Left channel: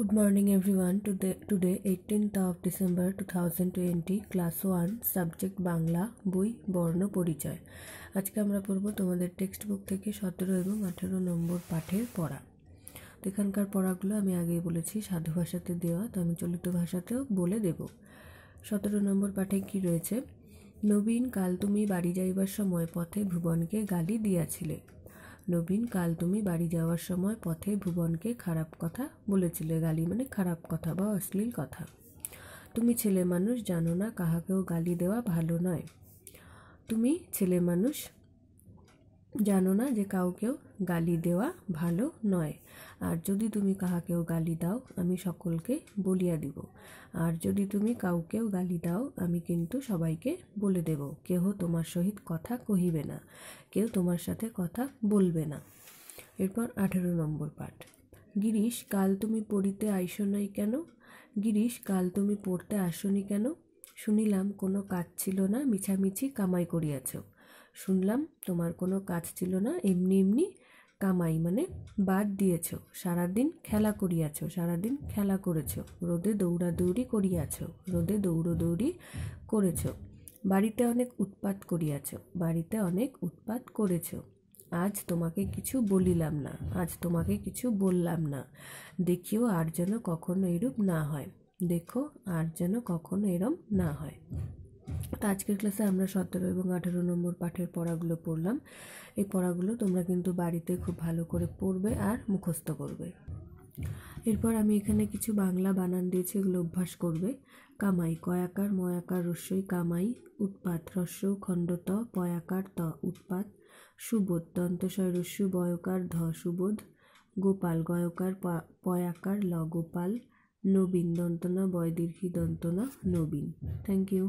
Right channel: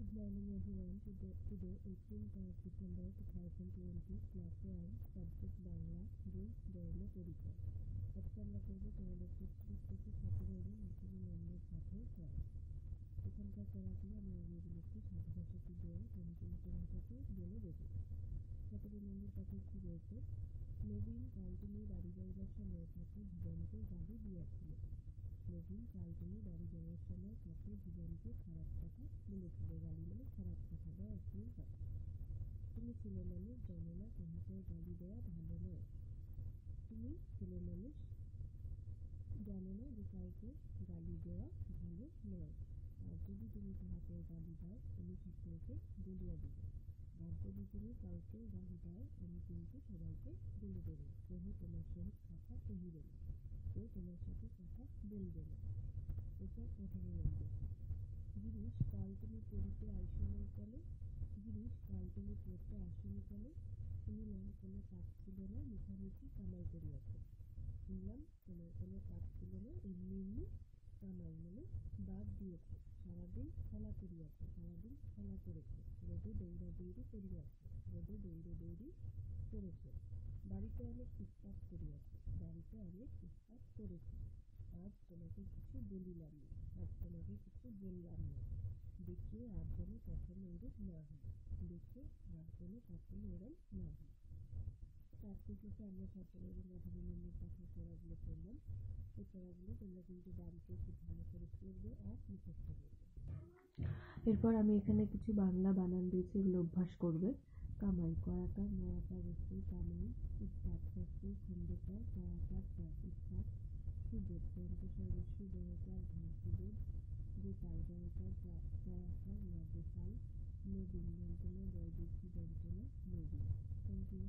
Good morning everyone. Today 18th of December 2020 class 1 subject Bangla বই বর্ণ পরিচয়। আজকে আমরা পড়ব তোমাদের টেক্সট বুক থেকে 17 এবং 18 নম্বর পাঠের পড়া। তো এখানকার পড়াগুলো আমি আগেই বলেছি সাধু ভাষাতে দেওয়া, তো আমি চলিত ভাষাতেও বলে দেব। 17 নম্বর পাঠে কি রয়েছে? নবীন, কাল তুমি বাড়ি যাইবার সময় পথে ভুবনকে গালি দিয়াছিলে। নবীন, কাল তুমি বাড়ি যাওয়ার সময় পথে ভুবনকে খারাপ কথা বলেছিলে। গালি মানে খারাপ কথা বা অশ্লীল কথা। তুমি ছেলে মানুষ, জানো না কাহাকেও গালি দেওয়া ভালো নয়। তুমি ছেলে মানুষ জানো না যে কাউকেও গালি দেওয়া ভালো নয়। আর যদি তুমি কাহাকেও গালি দাও আমি সকলকে বলিয়া দিব। আর যদি তুমি কাউকেও গালি দাও আমি কিন্তু সবাইকে বলে দেব। কেহ তোমার সহিত কথা কহিবে না, কেউ তোমার সাথে কথা বলবে না। এরপর 18 নম্বর পাঠ। গিরিশ, কাল তুমি পড়িতে আইসো নাই কেন? গিরিশ, কাল তুমি পড়তে আসনি কেন? শুনিলাম কোনো কাজ ছিল না, মিছামিছি কামাই করিয়াছ। শুনলাম তোমার কোনো কাজ ছিল না, এমনি এমনি কামাই মানে বাদ দিয়েছ। সারাদিন খেলা করিয়াছ, সারাদিন খেলা করেছ। রোদে দৌড়াদৌড়ি করিয়াছ, রোদে দৌড়দৌড়ি করেছ। বাড়িতে অনেক উৎপাত করিয়াছ, বাড়িতে অনেক উৎপাত করেছ। আজ তোমাকে কিছু বলিলাম না, আজ তোমাকে কিছু বললাম না। দেখিও আর যেন কখনো এরূপ না হয়। দেখো আর যেন কখনো এরম না হয়। তো আজকের ক্লাসে আমরা 17 এবং 18 নম্বর পাঠের পড়াগুলো পড়লাম। এই পড়াগুলো তোমরা কিন্তু বাড়িতে খুব ভালো করে পড়বে আর মুখস্থ করবে। এরপর আমি এখানে কিছু বাংলা বানান দিয়েছি, এগুলো অভ্যাস করবে। কামাই, কয়াকার ময়াকার রস্যই কামাই। উৎপাত, হ্রস্ব খণ্ডত পয়াকার ত উৎপাত। সুবোধ, দন্তস্বয় রস্যু বয়কার ধ সুবোধ। গোপাল, গয়কার পয়াকার ল গোপাল। নবীন, দন্তনা বয় দীর্ঘি দন্তনা নবীন। Thank you.